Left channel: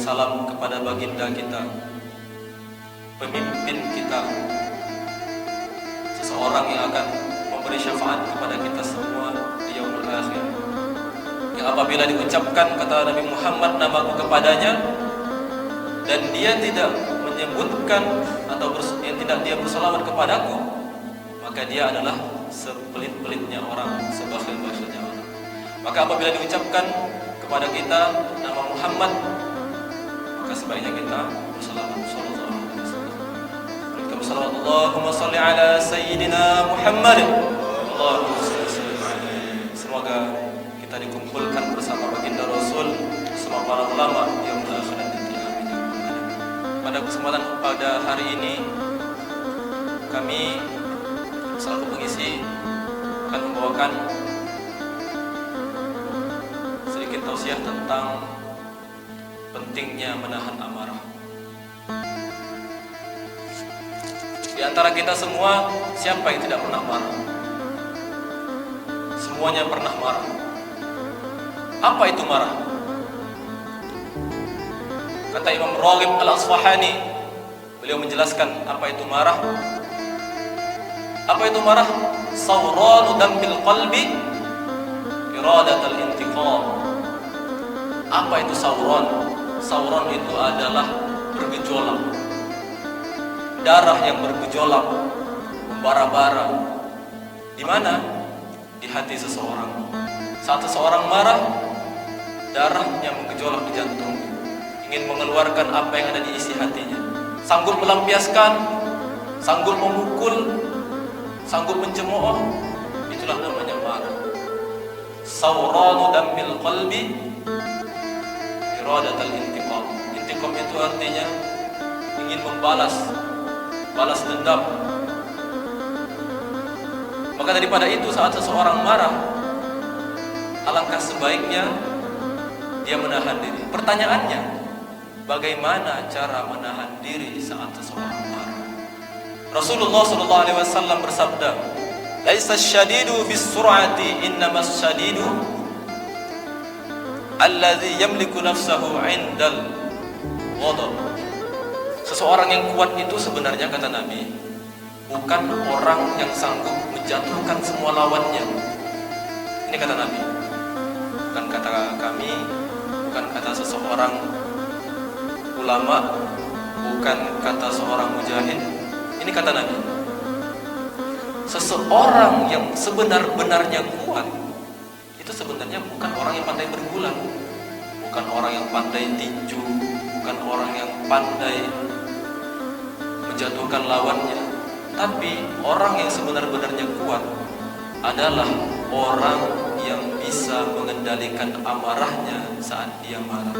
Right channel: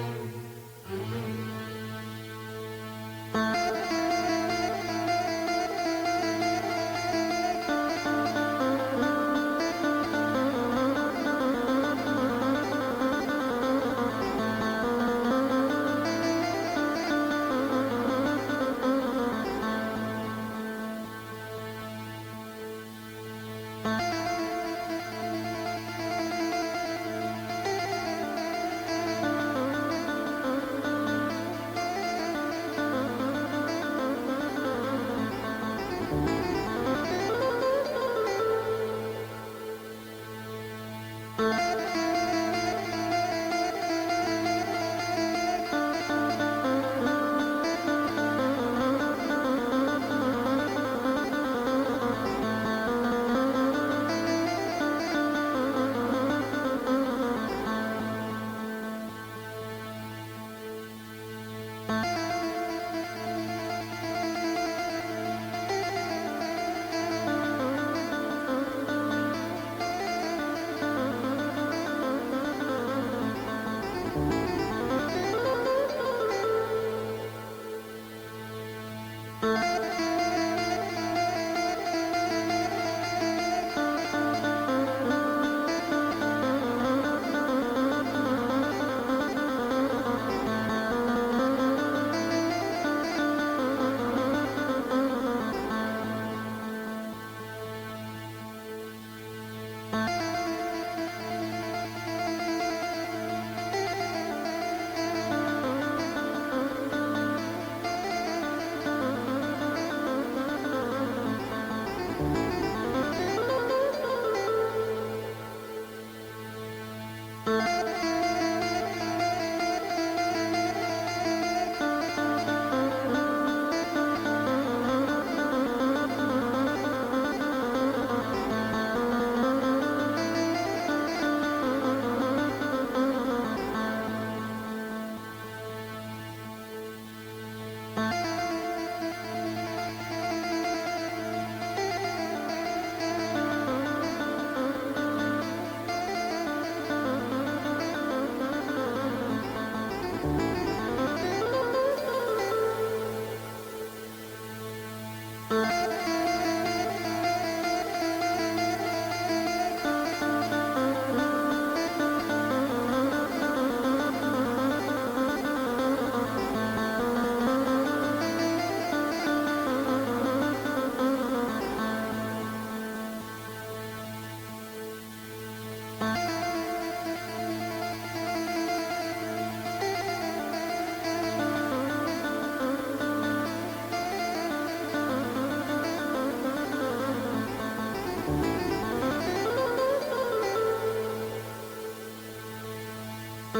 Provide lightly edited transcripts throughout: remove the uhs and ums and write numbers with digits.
salam kepada baginda kita, pemimpin kita, seseorang yang akan memberi syafaat kepada kita semua di yaumul akhir. Yang apabila diucapkan kata Nabi Muhammad namaku kepadanya dan dia tidak menyebutkan atau tidak dia bersalawat kepadaku, maka dia adalah sepelit-pelitnya orang, sebakhil-bakhilnya orang. Maka apabila diucapkan kepada kita nama Muhammad, maka sebaiknya kita bersalawat. Allahumma salli ala sayyidina Muhammad. Allahumma salli alaihi. Semoga kita dikumpulkan bersama baginda Rasul, bersama para ulama yang berakhir nanti. Pada kesempatan pada hari ini kami selalu mengisi dan membawakan sedikit tausiah tentang pentingnya menahan amarah. Di antara kita semua, siapa yang tidak pernah marah? Semuanya pernah marah. Apa itu marah? Kata Imam Raghib Al-Asfahani, beliau menjelaskan apa itu marah. Apa itu marah? Sawranu dambil qalbi iradatul intiqam. Apa itu sawran? Sawran itu adalah bergejolak, darah yang bergejolak, bara-bara. Di mana? Di hati seseorang. Saat seseorang marah, darah yang bergejolak di jantung, ingin mengeluarkan apa yang ada di isi hatinya. Sanggup melampiaskan, sanggup memukul, sanggup mencemooh, itulah namanya marah. Sawranu dambil qalbi iradatul intiqam. Intiqam itu artinya ingin membalas, balas dendam. Maka daripada itu, saat seseorang marah, alangkah sebaiknya dia menahan diri. Pertanyaannya, bagaimana cara menahan diri saat seseorang marah? Rasulullah SAW bersabda, "Laisa syadidu bis-sur'ati, innamas syadidu alladzi yamliku nafsahu 'indal ghadab." Seseorang yang kuat itu sebenarnya, kata Nabi, bukan orang yang sanggup menjatuhkan semua lawannya. Ini kata Nabi, bukan kata kami, bukan kata seseorang ulama, bukan kata seorang mujahid. Ini kata Nabi. Seseorang yang sebenar-benarnya kuat itu sebenarnya bukan orang yang pandai bergulat, bukan orang yang pandai tinju, bukan orang yang pandai menjatuhkan lawannya. Tapi orang yang sebenar-benarnya kuat adalah orang yang bisa mengendalikan amarahnya saat dia marah,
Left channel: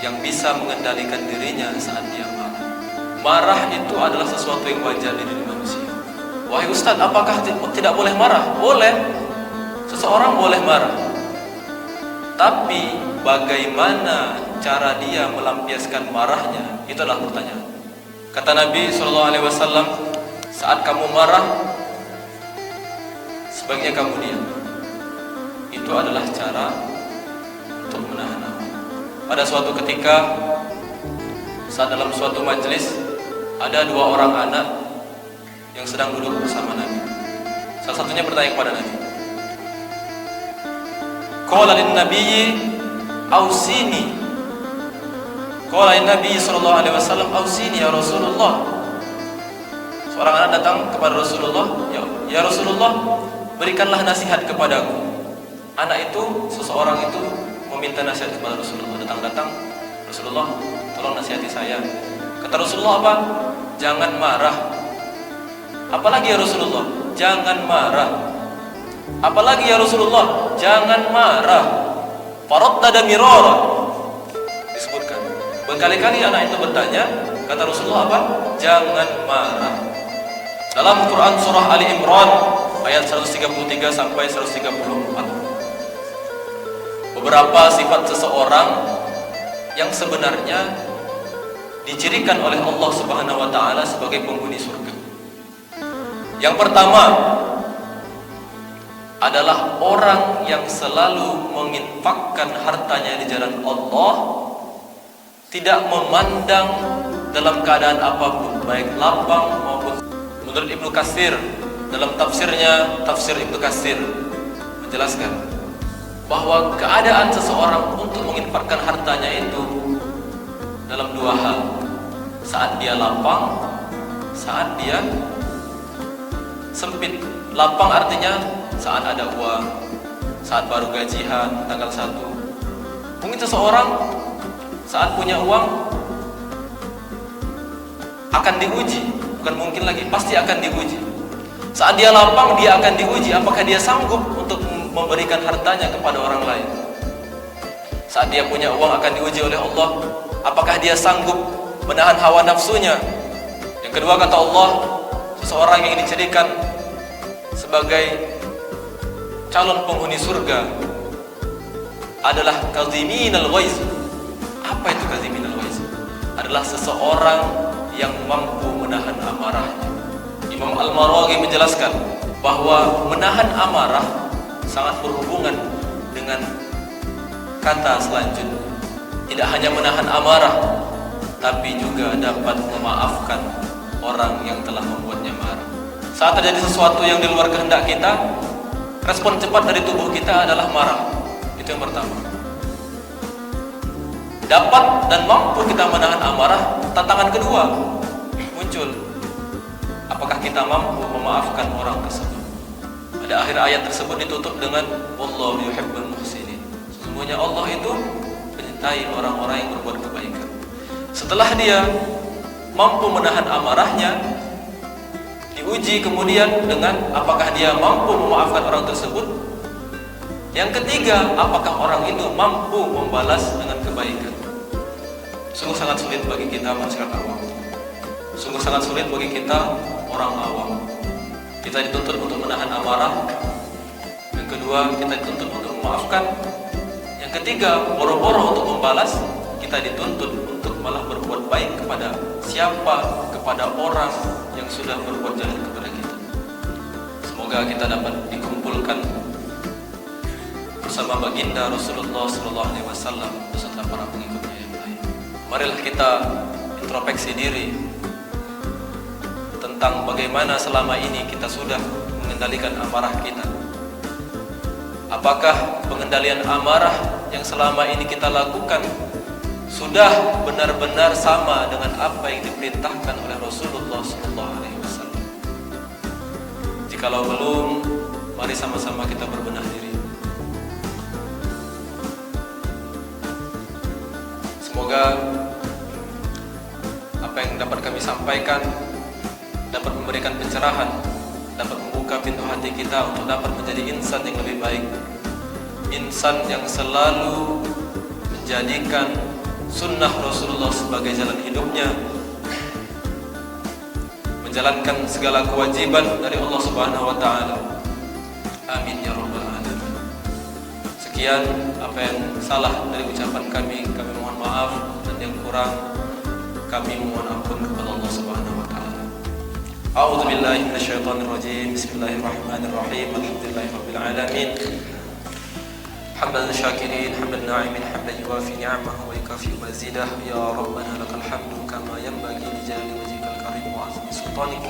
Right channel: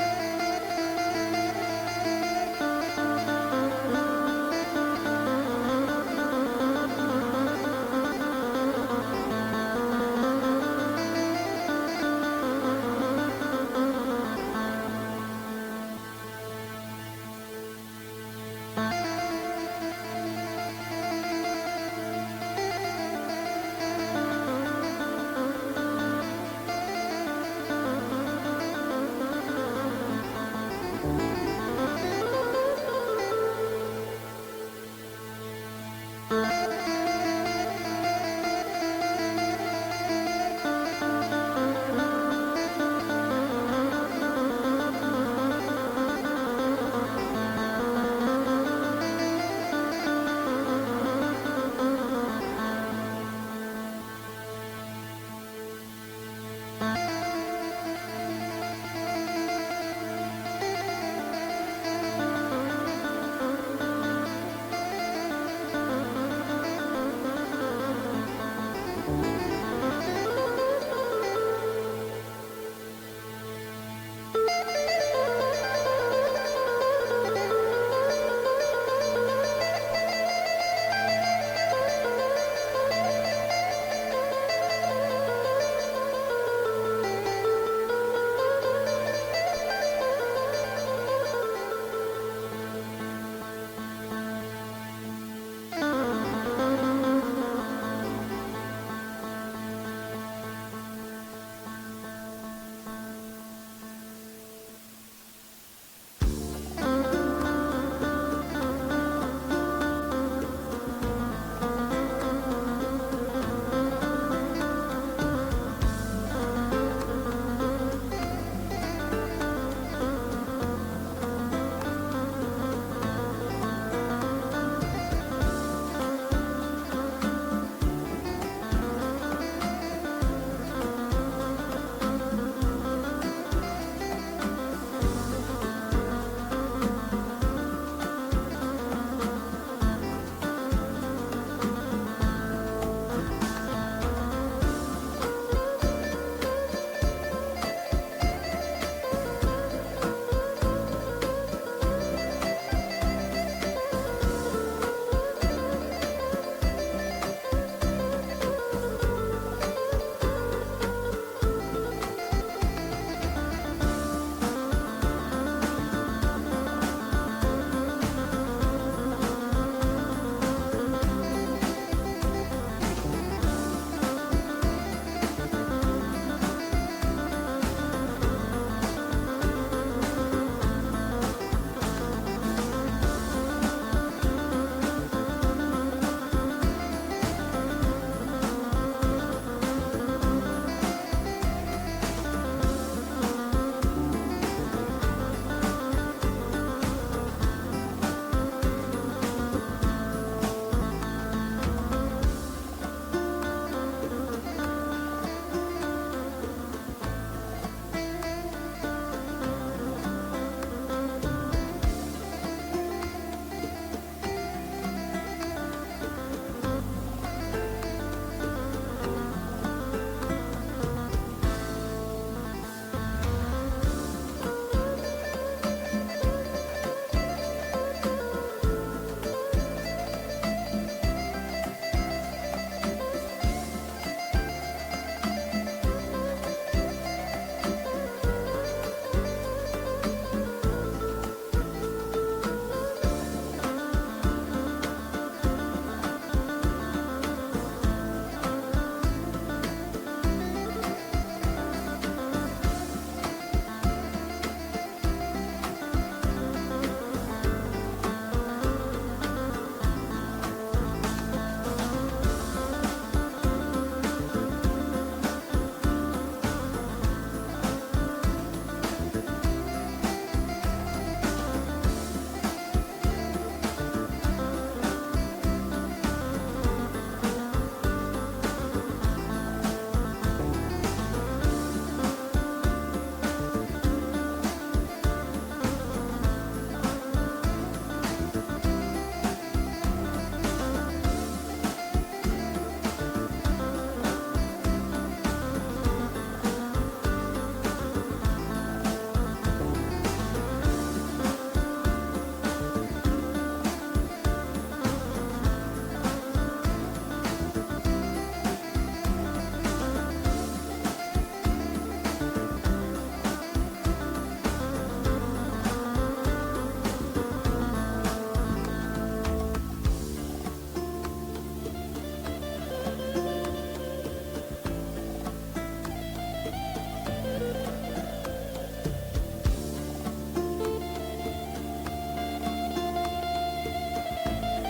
yang bisa mengendalikan dirinya saat dia marah. Marah itu adalah sesuatu yang wajar di diri manusia. Wahai Ustaz, apakah tidak boleh marah? Boleh. Seseorang boleh marah. Tapi bagaimana cara dia melampiaskan marahnya? Itu adalah pertanyaan. Kata Nabi SAW, saat kamu marah, sebaiknya kamu diam. Itu adalah cara untuk menahan amarah. Pada suatu ketika, saat dalam suatu majelis, ada dua orang anak yang sedang duduk bersama Nabi. Salah satunya bertanya kepada Nabi, "Qala lin-nabiyyi ausini." Qala lin-nabiyyi sallallahu alaihi wasallam, "Ausini ya Rasulullah." Seorang anak datang kepada Rasulullah, "Ya Rasulullah, berikanlah nasihat kepadaku." Anak itu, seseorang itu meminta nasihat kepada Rasulullah. Datang, "Rasulullah, tolong nasihati saya." Kata Rasulullah apa? "Jangan marah." Apalagi ya Rasulullah? "Jangan marah." Apalagi ya Rasulullah? "Jangan marah." Faradda mirara. Disebutkan. Berkali-kali anak itu bertanya, kata Rasulullah apa? "Jangan marah." Dalam Quran surah Ali Imran ayat 133 sampai 134. Beberapa sifat seseorang yang sebenarnya dicirikan oleh Allah Subhanahu wa taala sebagai penghuni surga. Yang pertama adalah orang yang selalu menginfakkan hartanya di jalan Allah tidak memandang dalam keadaan apapun, baik lapang maupun. Menurut Ibnu Katsir, dalam tafsirnya, tafsir Ibnu Katsir menjelaskan bahwa keadaan seseorang untuk menginfakkan hartanya itu dalam dua hal: saat dia lapang, saat dia sempit. Lapang artinya saat ada uang, saat baru gajian tanggal 1. Mungkin seseorang saat punya uang akan diuji, bukan mungkin lagi, pasti akan diuji. Saat dia lapang, dia akan diuji apakah dia sanggup untuk memberikan hartanya kepada orang lain. Saat dia punya uang akan diuji oleh Allah, apakah dia sanggup menahan hawa nafsunya. Yang kedua, kata Allah, seseorang yang dijadikan sebagai calon penghuni surga adalah kadziminal ghaiz. Apa itu kadziminal ghaiz? Adalah seseorang yang mampu menahan amarah. Imam Al-Maraghi menjelaskan bahwa menahan amarah sangat berhubungan dengan kata selanjutnya. Tidak hanya menahan amarah, tapi juga dapat memaafkan orang yang telah membuatnya marah. Saat terjadi sesuatu yang di luar kehendak kita, respon cepat dari tubuh kita adalah marah. Itu yang pertama. Dapat dan mampu kita menahan amarah, tantangan kedua muncul. Apakah kita mampu memaafkan orang tersebut? Pada akhir ayat tersebut ditutup dengan wallahu yuhibbul muhsinin. Sesungguhnya Allah itu mencintai orang-orang yang berbuat kebaikan. Setelah dia mampu menahan amarahnya, diuji kemudian dengan apakah dia mampu memaafkan orang tersebut. Yang ketiga, apakah orang itu mampu membalas dengan kebaikan. Sungguh sangat sulit bagi kita masyarakat awam. Sungguh sangat sulit bagi kita orang awam. Kita dituntut untuk menahan amarah. Yang kedua, kita dituntut untuk memaafkan. Yang ketiga, boro-boro untuk membalas, kita dituntut untuk malah berbuat baik kepada siapa? Kepada orang yang sudah berbuat jahat kepada kita. Semoga kita dapat dikumpulkan bersama baginda Rasulullah SAW beserta para pengikutnya yang baik. Marilah kita introspeksi diri tentang bagaimana selama ini kita sudah mengendalikan amarah kita. Apakah pengendalian amarah yang selama ini kita lakukan sudah benar-benar sama dengan apa yang diperintahkan oleh Rasulullah SAW? Jikalau belum, mari sama-sama kita berbenah diri. Semoga apa yang dapat kami sampaikan dapat memberikan pencerahan, dapat membuka pintu hati kita untuk dapat menjadi insan yang lebih baik, insan yang selalu menjadikan sunnah Rasulullah sebagai jalan hidupnya, menjalankan segala kewajiban dari Allah Subhanahu wa taala. Amin ya rabbal alamin. Sekian apa yang salah dari ucapan kami mohon maaf, dan yang kurang kami mohon ampun kepada Allah Subhanahu wa taala. A'udzu billahi minasyaitonir rajim. Bismillahirrahmanirrahim. Alhamdulillahi rabbil alamin. Hamdan syakirin, hamdan na'imin, hamdan yuwafi ni'amahu wa yukafi mazidah. Ya Rabbana lakal hamdu kama yanbaghi li jalali wajhikal karim wa 'azimi sultanik.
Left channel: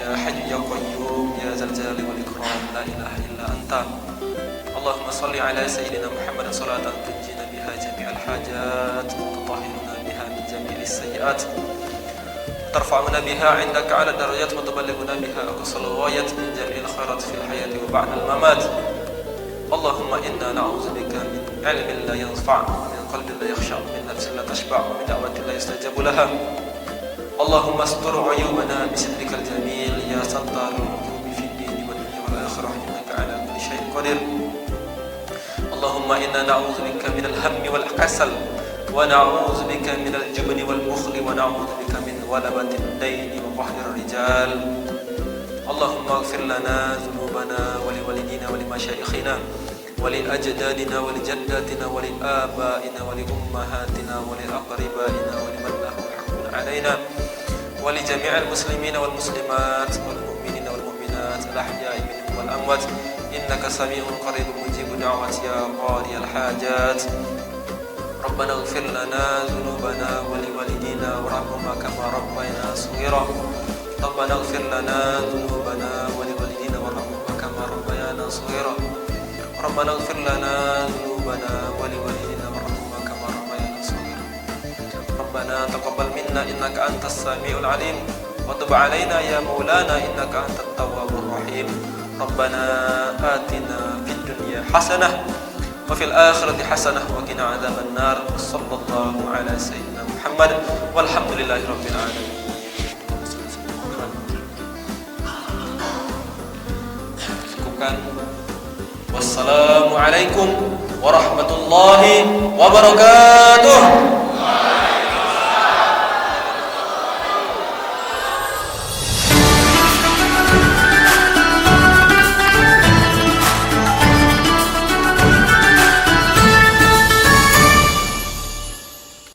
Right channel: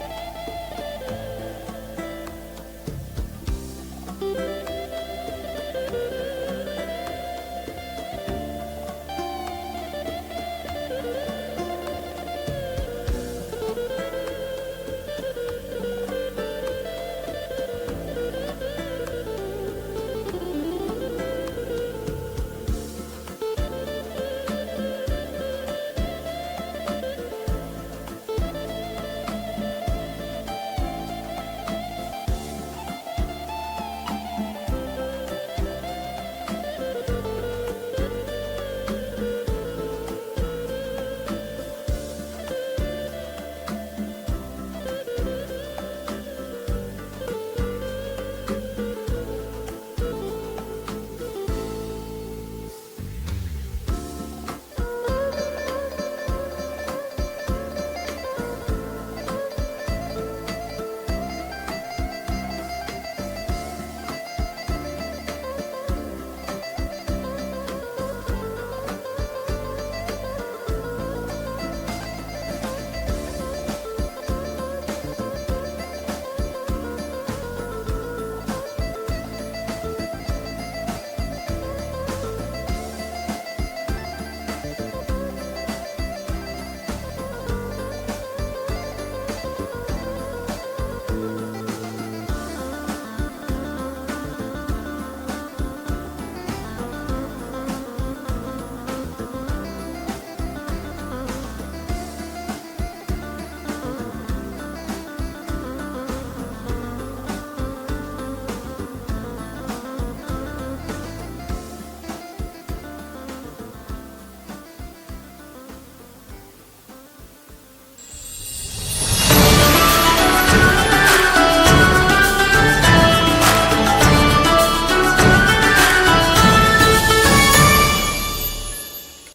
Ya hayyu ya qayyum ya dzal jalali wal ikram, la ilaha illa anta. Allahumma shalli ala sayyidina Muhammad salatan tunjina biha jami'al hajat wa tutahhiruna biha min jami'is sayyi'at. ترفعنا بها عندك على الدرجات وتبلغنا بها أقصى الغايات من جميع الخيرات في الحياة وبعد الممات. اللهم إنا نعوذ بك من علم لا ينفع ومن قلب لا يخشع ومن نفس لا تشبع ومن دعوة لا يستجاب لها. اللهم استر عيوبنا بسترك الجميل يا ستار العيوب في الدين والدنيا والآخرة إنك على كل شيء قدير. اللهم إنا نعوذ بك من الهم والكسل ونعوذ بك من الجبن والبخل ونعوذ بك من غلبة الدين وقهر الرجال. اللهم اغفر لنا ذنوبنا ولوالدينا ولمشايخنا ولأجدادنا ولجداتنا ولآبائنا ولأمهاتنا ولأقربائنا ولمن له حق علينا ولجميع المسلمين والمسلمات والمؤمنين والمؤمنات الأحياء منهم والأموات إنك سميع قريب مجيب دعوات يا قاضي الحاجات. ربنا اغفر لنا ذنوبنا لنا ذنوبنا ولوالدينا وارحمهما كما ربيانا صغيرا ربنا اغفر لنا ذنوبنا ولوالدينا وارحمهما كما ربيانا صغيرا ربنا تقبل منا إنك أنت السميع العليم وتب علينا يا مولانا إنك أنت التواب الرحيم ربنا آتنا في الدنيا حسنة وفي الآخرة حسنة وقنا عذاب النار صلى الله على سيدنا محمد والحمد لله رب العالمين. Wassalamualaikum warahmatullahi wabarakatuh.